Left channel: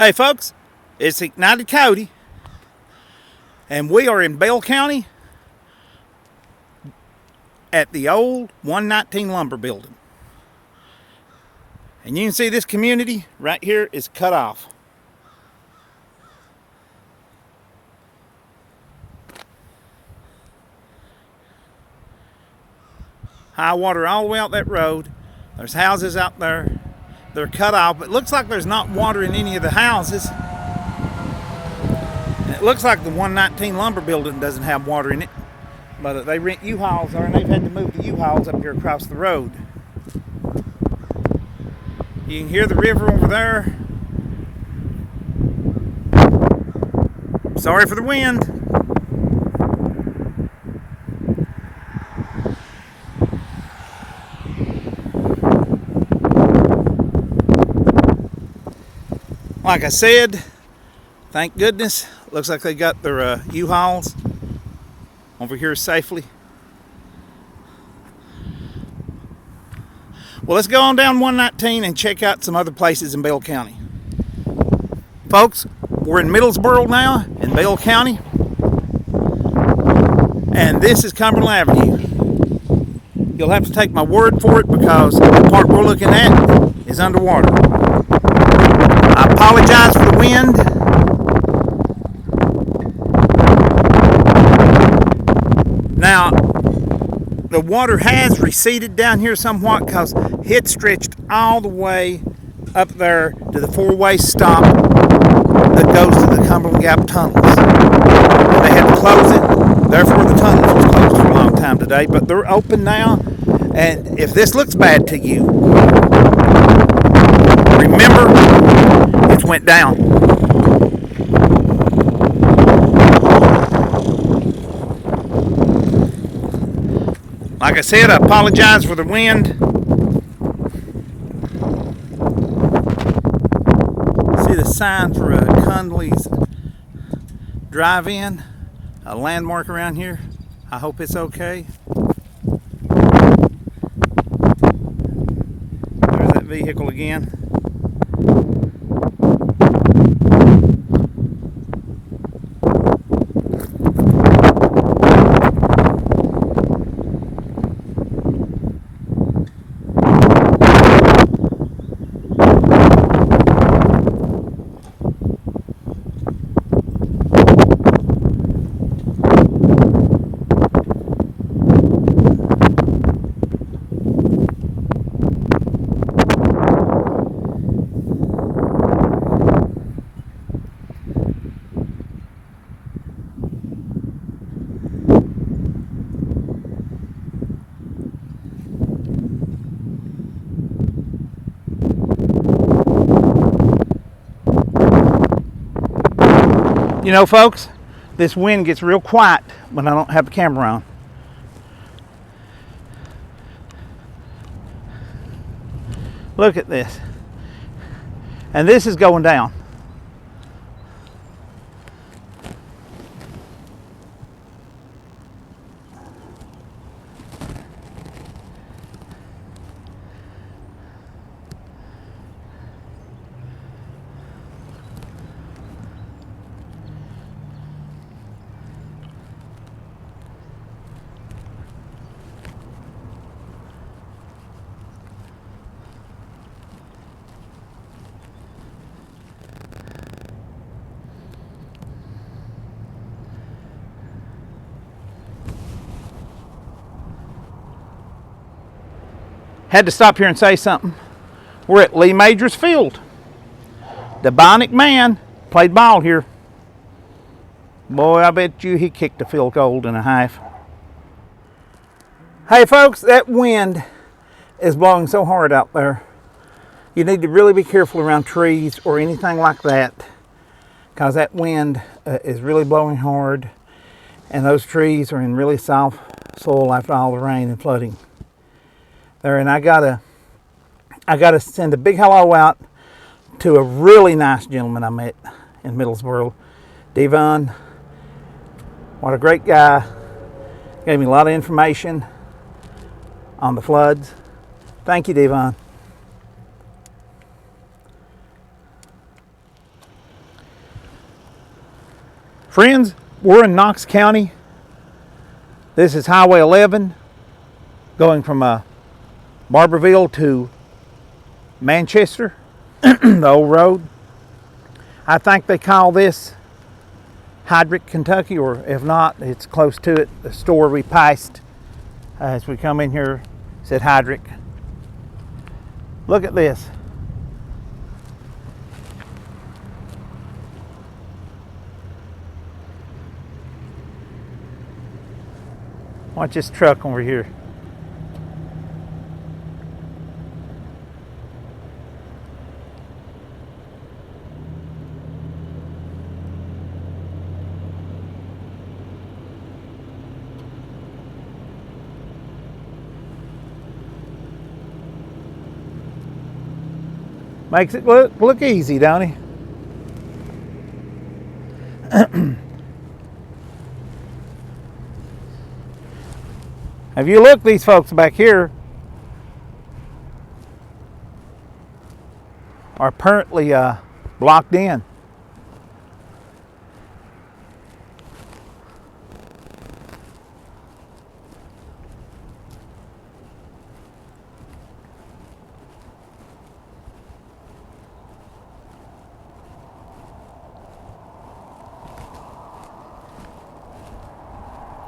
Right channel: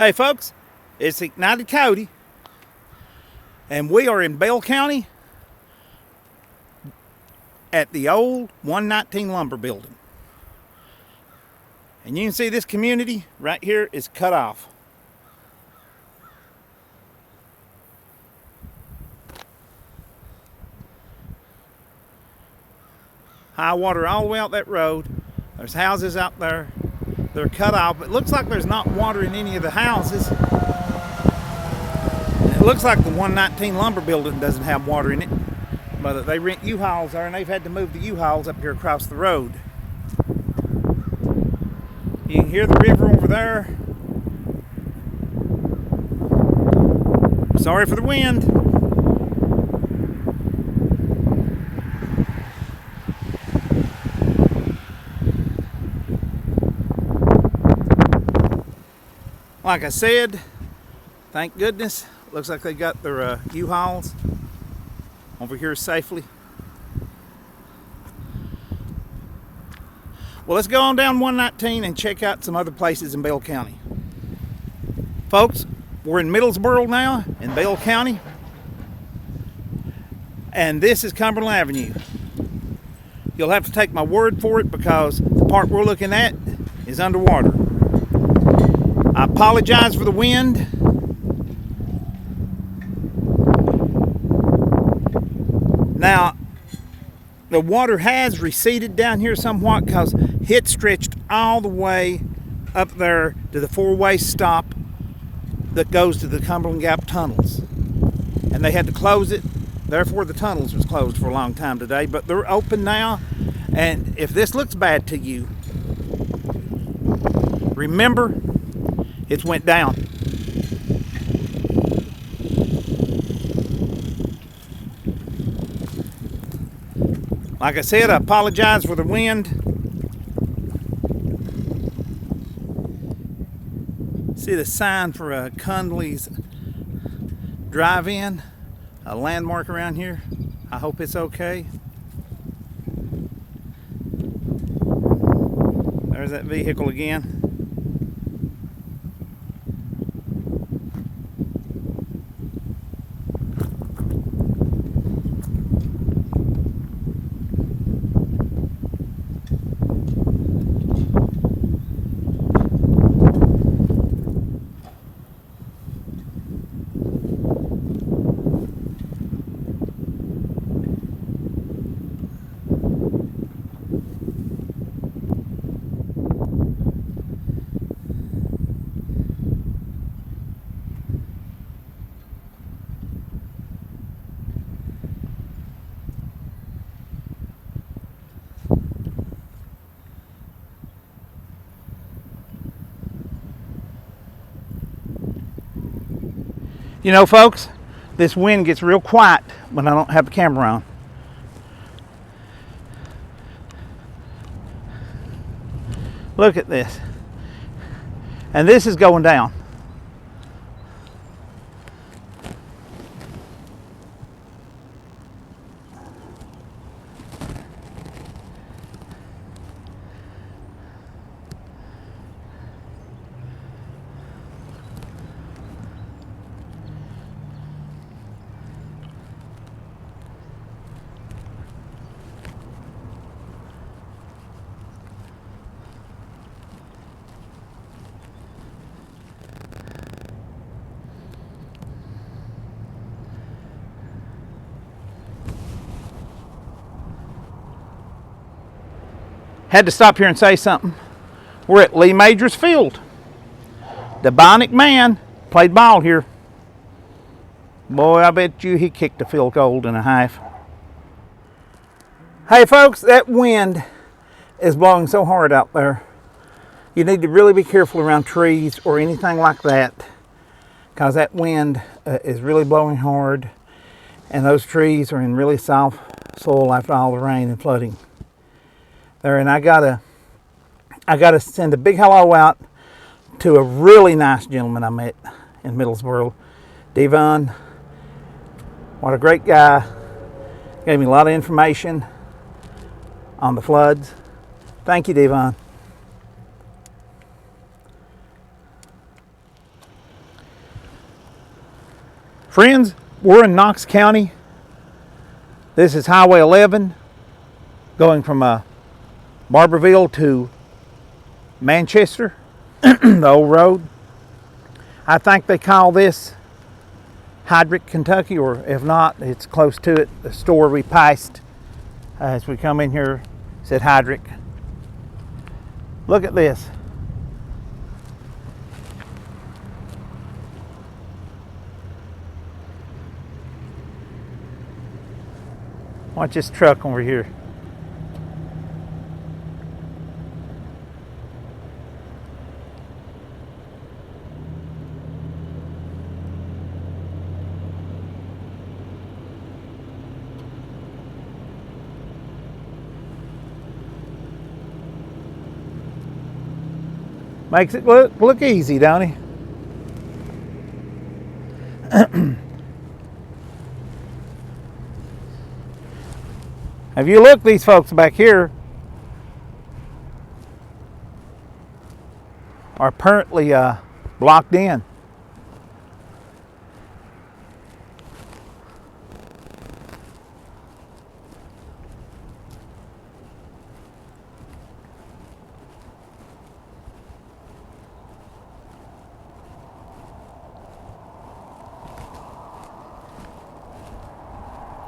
Hey folks, it's Ignited Coyote, and we are in Bell County at the old 119 lumber building. And you can see this community right here is cut off. High water all the way out that road. There's houses out there. They're cut off. It looks like there's not water in any of the houses. And it looks like the 119 lumber building doesn't have water in it. But they rent U-Hauls there, and they've had to move the U-Hauls up here across the road. You can hear the river over there. Sorry for the wind. Like I said, thank goodness, looks like they got their U-Hauls over here safely. Well, let's go on down 119 and check out some other places in Bell County. Folks, we're in Middlesboro now, in Bell County. And this is Cumberland Avenue. You'll have to take my word for it because the part we're looking at is underwater. I apologize for the wind. Now, the water has receded down here somewhat because it stretched all the way up there to the four-way stop that goes to the Cumberland Gap tunnels. And they had to close it, therefore the tunnels was closed for a long time today, but they're open now. And if this looks bad to you, remember, it went down. Like I said, I apologize for the wind. See the sign for Cundley's Drive-In, a landmark around here. I hope it's okay. There's that vehicle again. You know, folks, this wind gets real quiet when I don't have the camera on. Look at this. And this is going down. Had to stop here and say something. We're at Lee Major's Field. The Bionic Man played ball here. Boy, I bet you he kicked a field goal and a half. Hey folks, that wind is blowing so hard out there. You need to really be careful around trees or anything like that, because that wind is really blowing hard, and those trees are in really soft soil after all the rain and flooding. There, and I gotta send a big hello out to a really nice gentleman I met in Middlesboro, Devon. What a great guy. Gave me a lot of information on the floods. Thank you, Devon. Friends, we're in Knox County. This is Highway 11 going from Barberville to Manchester, the old road. I think they call this Hydrick, Kentucky, or if not, it's close to it. The store we passed as we come in here said Hydrick. Look at this. Watch this truck over here. Makes it look easy, don't he? If you look, these folks back here are apparently blocked in.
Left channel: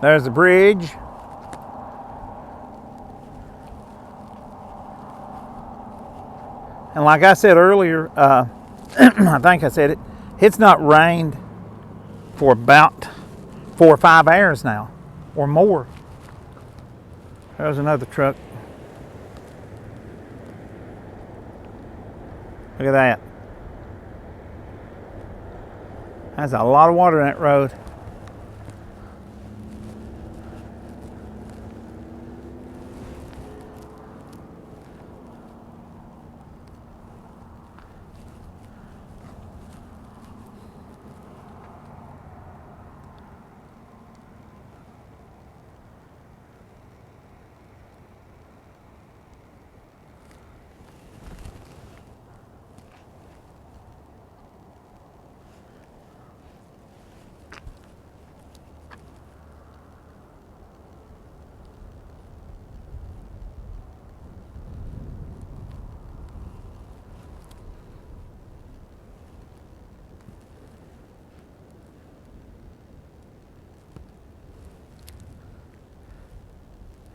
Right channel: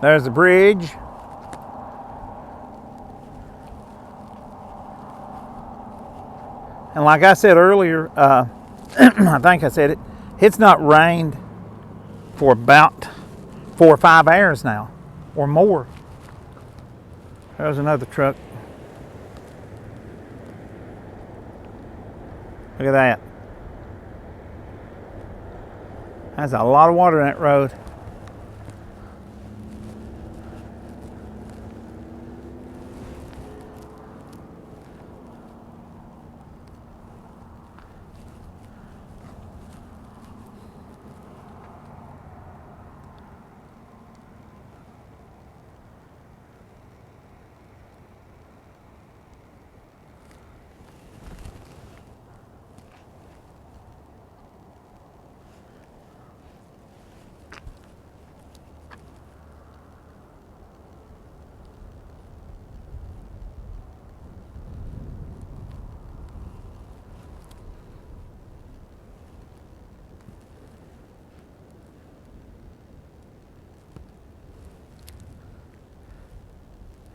There's the bridge. And like I said earlier, I think I said it, it's not rained for about 4 or 5 hours now, or more. There's another truck. Look at that. That's a lot of water in that road.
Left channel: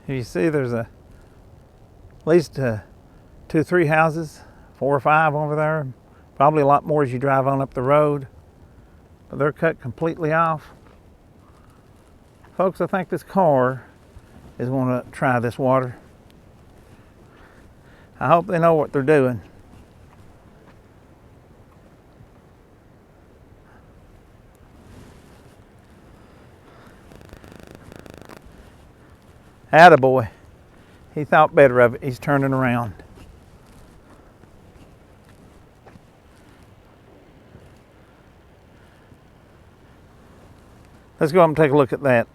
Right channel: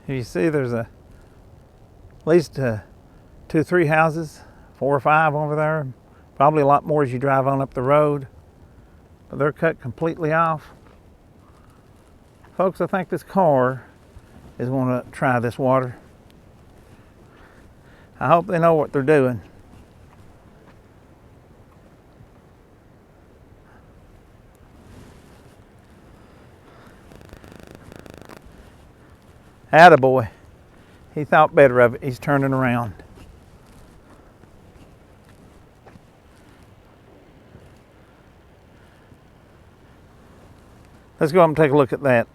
You see there's at least 2 or 3 houses, 4 or 5 over there. Probably a lot more as you drive on up the road. But they're cut completely off. Folks, I think this car is going to try this water. I hope they know what they're doing. Attaboy. He thought better of it. He's turning around. Let's go up and take a look at that.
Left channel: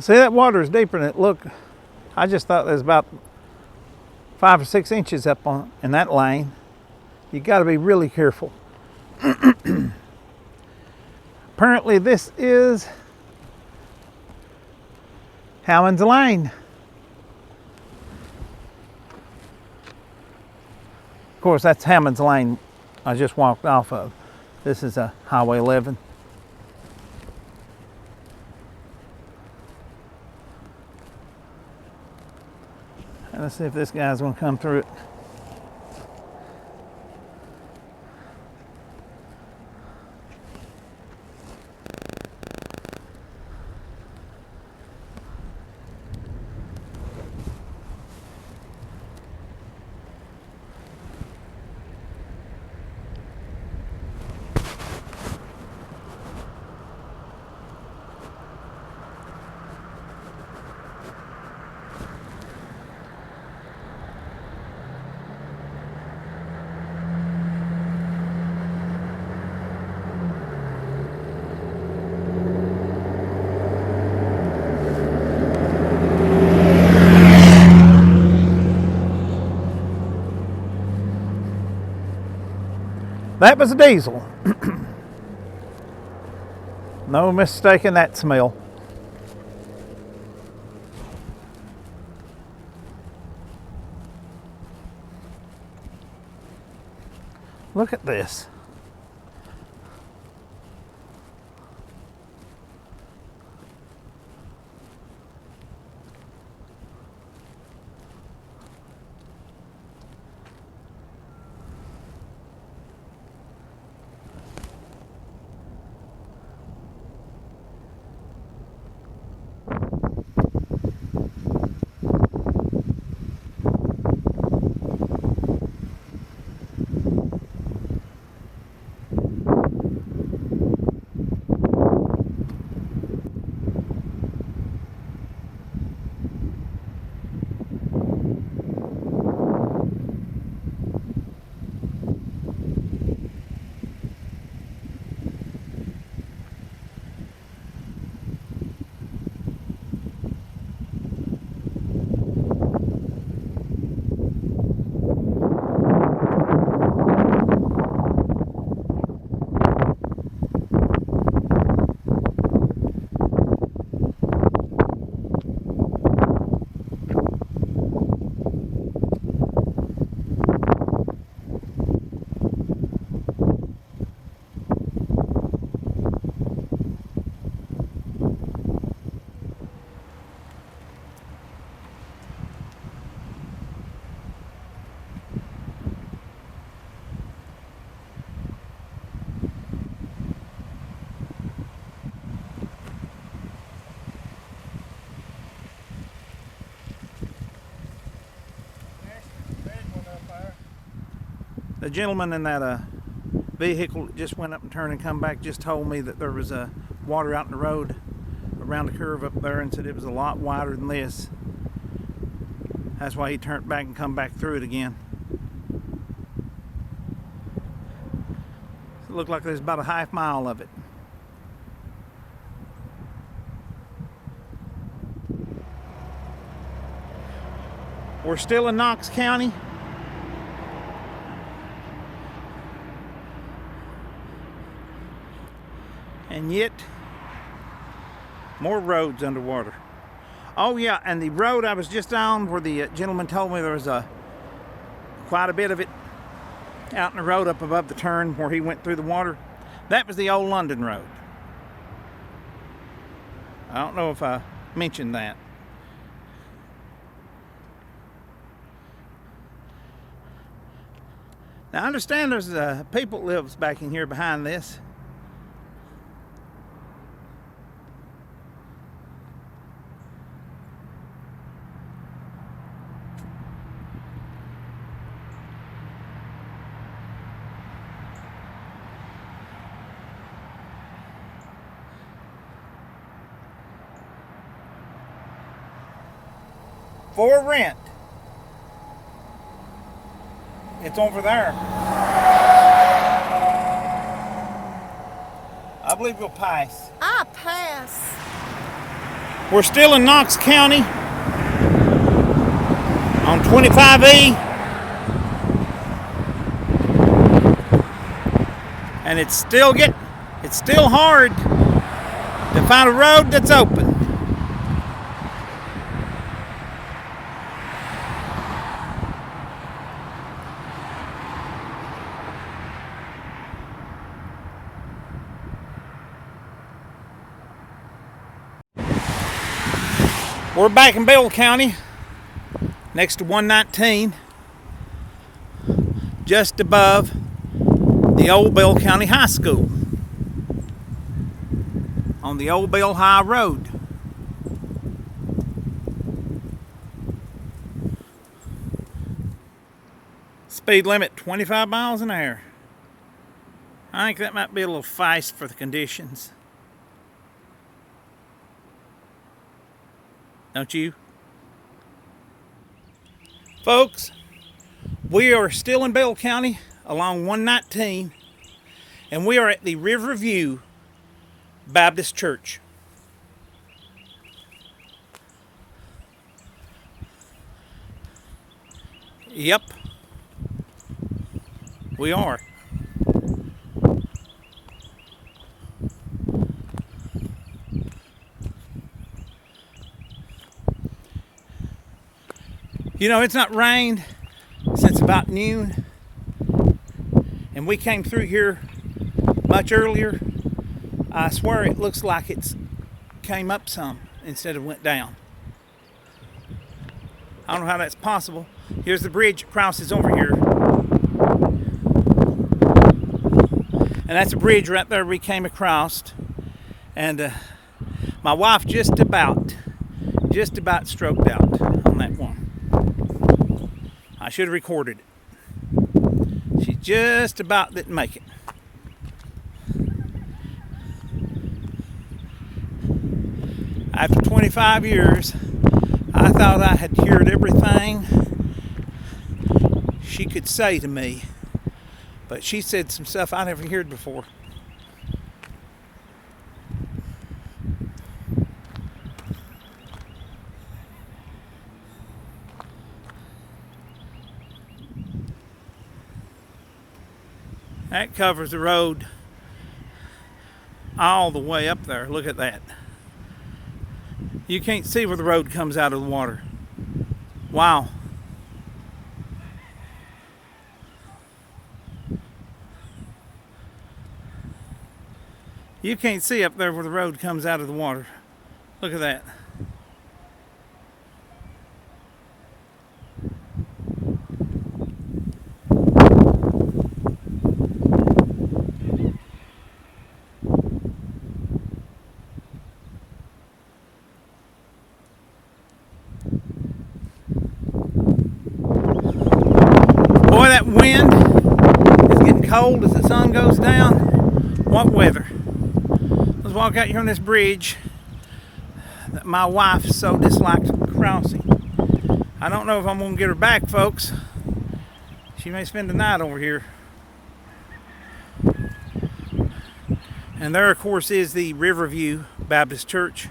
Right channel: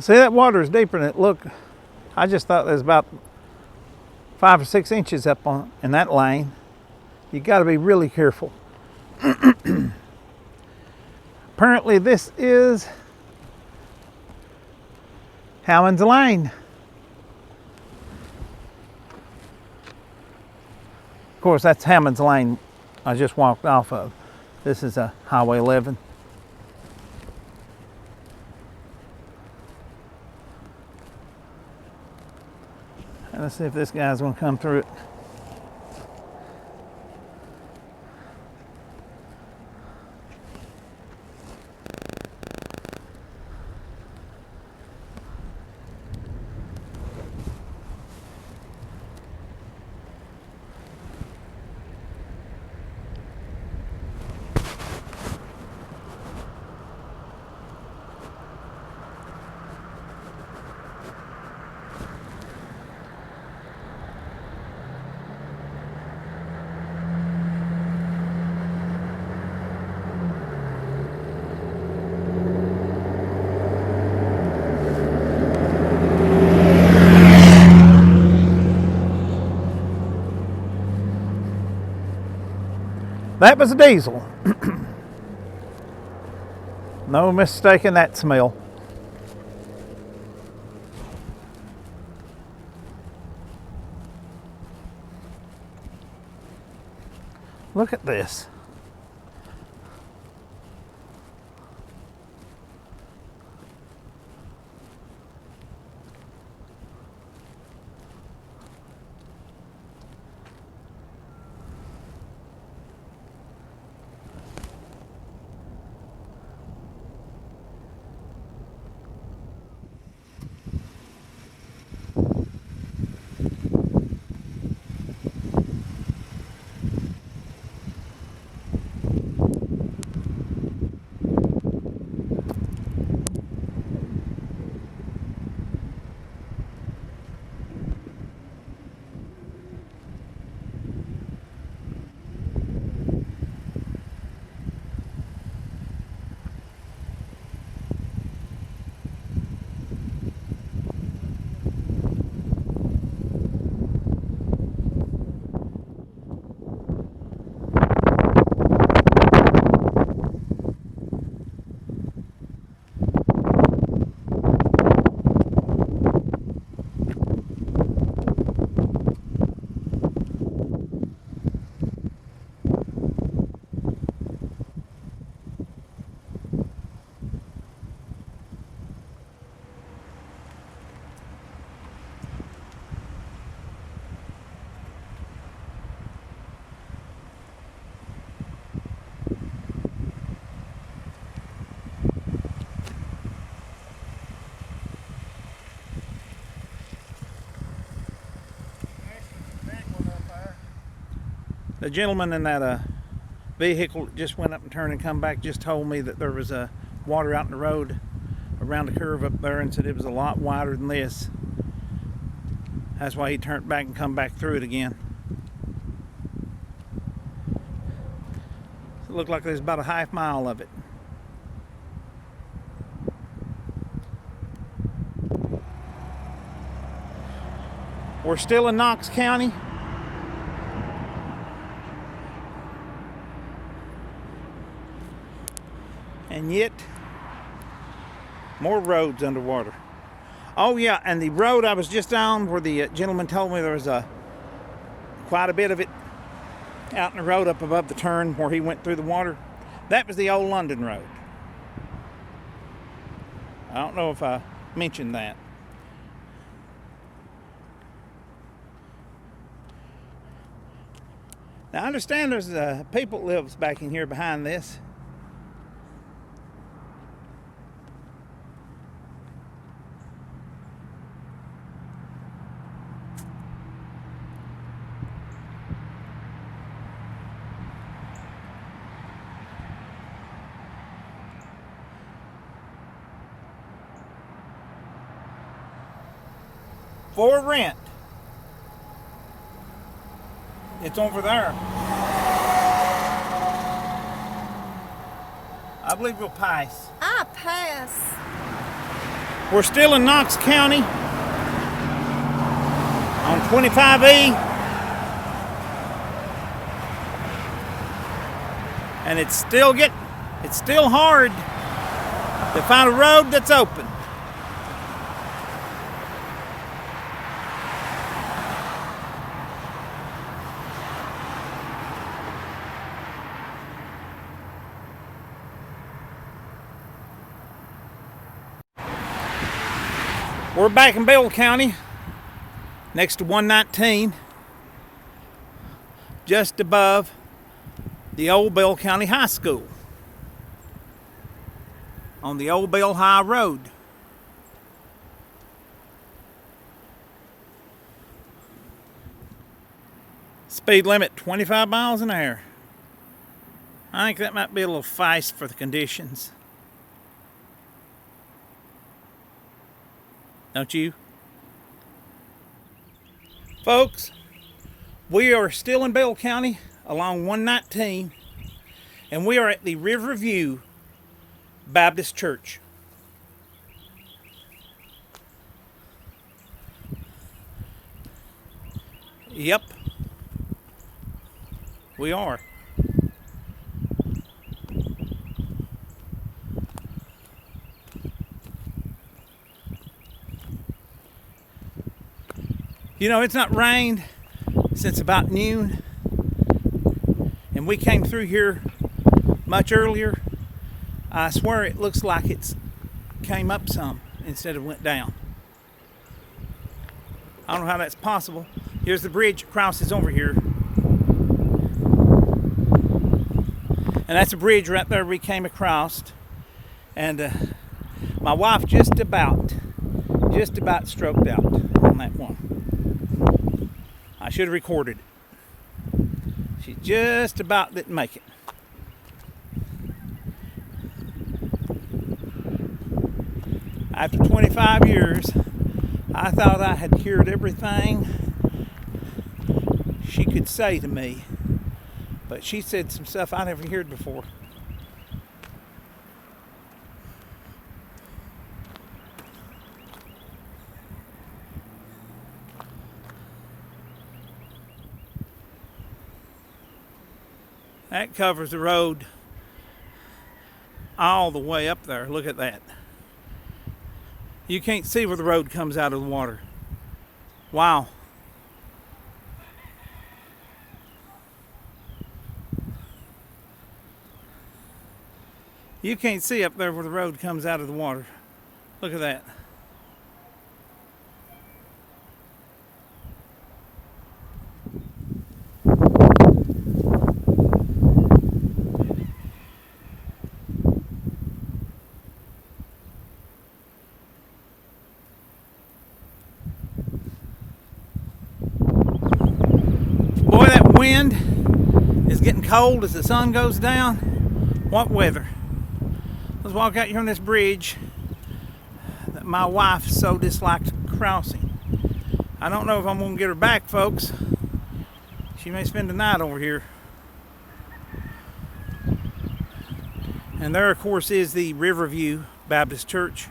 See, that water is deeper than it looked. I just thought there was about 5 or 6 inches up in that lane. You got to be really careful. Apparently this is Hammond's Lane. Of course, that's Hammond's Lane I just walked off of. This is a Highway 11. Let's see if this guy's going to come through it. That was a diesel. No mistaking that smell. Look at this. The gentleman in that vehicle that just went up and turned and come back just told me that there was water out in the road around the curve up there, and said it was a lot wider than this. That's why he turned back and come back through it again. It looked like there's about a half mile of it. We're still in Knox County. And yet, more roads underwater. Oh yeah, and the road I was just on where the gentleman told me there was quite a bit of it out in the road up above the turn where he went through the water. That was the old London Road. I don't know if I mentioned that. Now I understand there's people that lives back in here behind this. For rent. It's over there. I believe we'll pass. I pass. We're still in Knox County on 25E. And it's still hard to find a road that's open. We're back in Bell County, next to 119, just above the old Bell County High School, on the old Bell High Road. Speed limit 25 miles an hour. I think that might be a little fast for the conditions. Don't you? Folks, we are still in Bell County along 119, and we are at the Riverview Baptist Church. Yep, we are. You know, it's not rained since about noon, and we came through here much earlier. I swear it looks like it's came up some instead of went down. I don't know how that's possible. Here's the bridge that crosses over here. And that's a bridge right there we came across. And my wife just about stroked out on that one. I should have recorded it. She just about didn't make it. After 25 years, I thought I had cured everything she could say to me, but she said some stuff I never heard before. That covers the road all the way up there. Look at that. You can't see where the road comes out of the water. Wow. You can't see up there where the road comes out of the water. Look at that. Boy, that wind is getting cold as the sun goes down. What weather. Let's walk out here on this bridge that my wife so dislikes crossing. I don't know if I'm going to get her back, folks. She may spend the night over here. And there, of course, is the Riverview Baptist Church.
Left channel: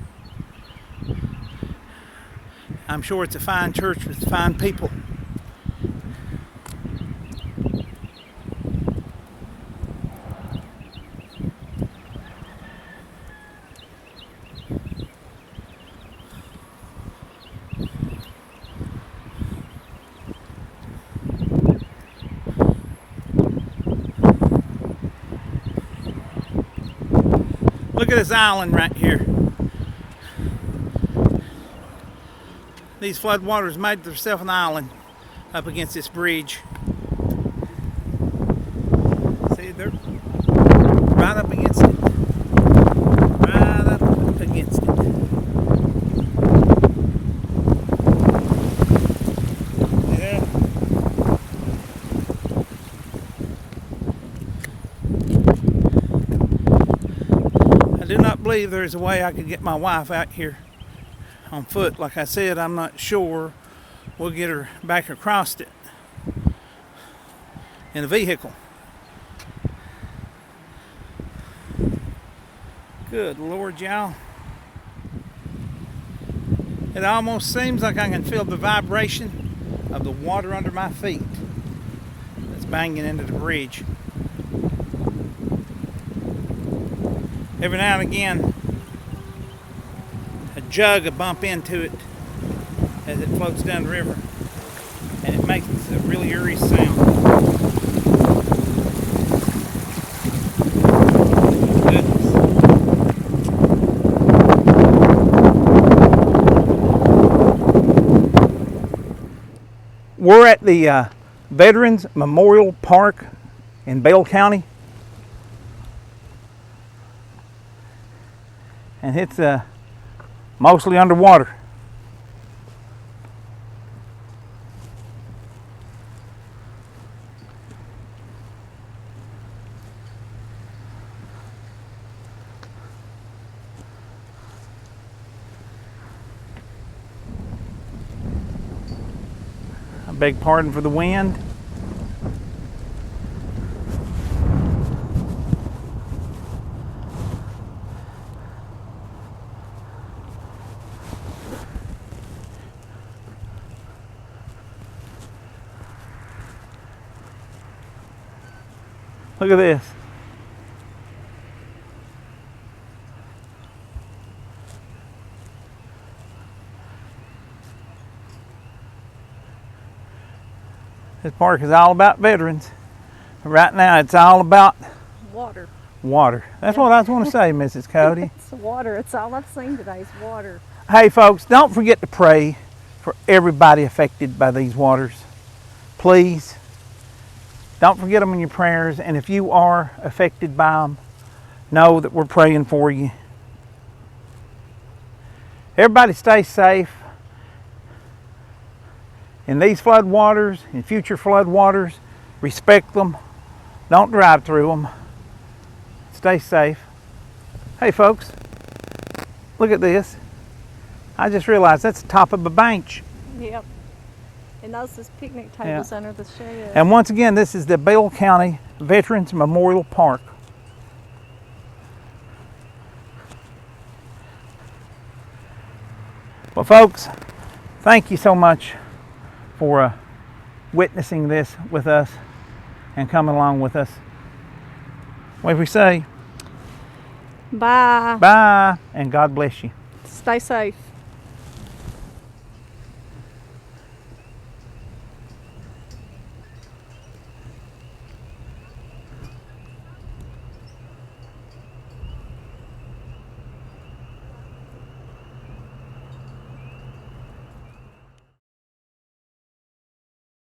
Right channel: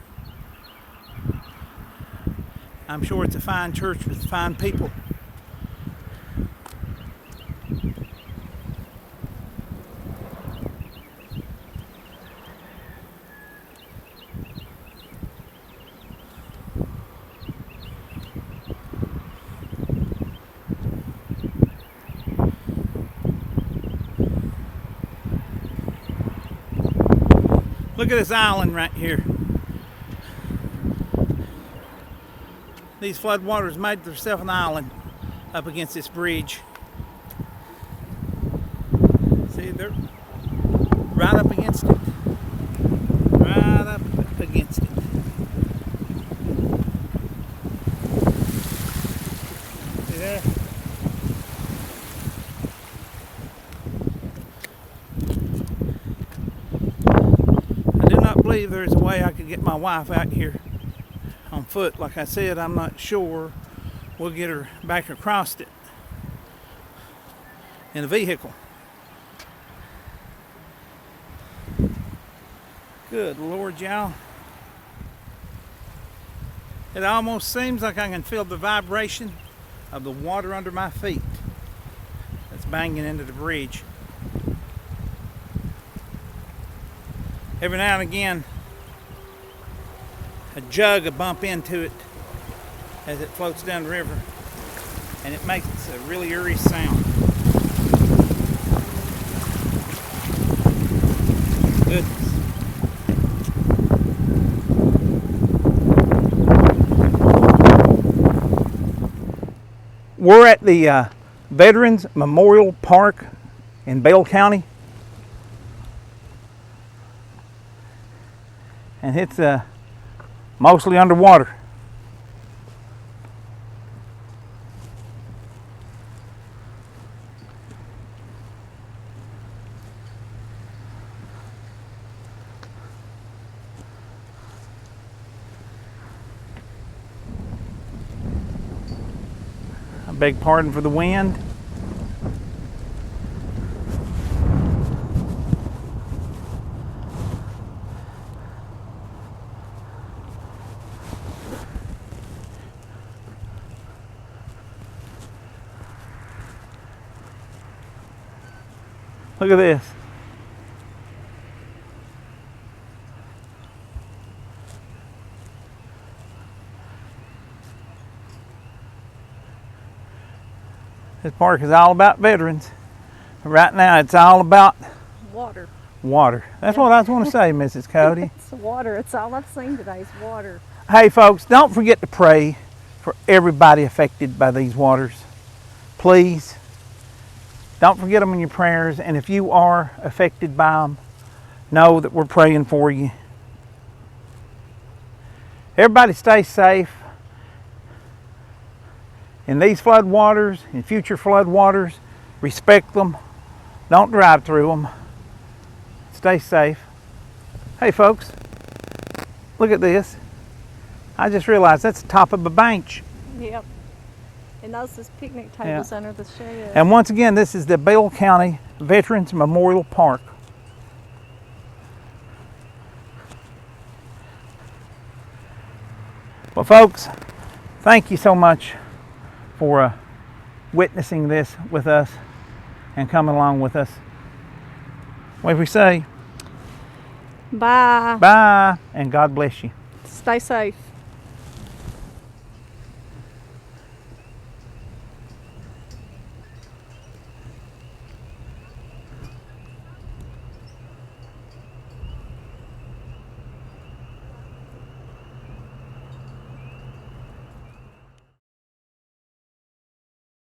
I'm sure it's a fine church with fine people. Look at this island right here. These floodwaters made themselves an island up against this bridge. See, they're right up against it. Right up against it. Yeah. I do not believe there's a way I could get my wife out here on foot. Like I said, I'm not sure we'll get her back across it in a vehicle. Good Lord, y'all. It almost seems like I can feel the vibration of the water under my feet that's banging into the bridge. Every now and again, a jug will bump into it as it floats down the river, and it makes a really eerie sound. Goodness. We're at the Veterans Memorial Park in Bell County, and it's mostly underwater. I beg pardon for the wind. Look at this. This park is all about veterans. Right now, it's all about Water. water. That's what I was going to say, Mrs. Coyote. It's water. It's all I've seen today is water. Hey, folks, don't forget to pray for everybody affected by these waters. Please, don't forget them in your prayers. And if you are affected by them, know that we're praying for you. Everybody stay safe. In these flood waters, in future flood waters, respect them. Don't drive through them. Stay safe. Hey folks, look at this. I just realized that's the top of a bench. Yep. And those is picnic tables under the shed. And once again, this is the Bell County Veterans Memorial Park. Well folks, thank you so much for witnessing this with us and coming along with us. What do we say? Bye. Bye, and God bless you. Stay safe.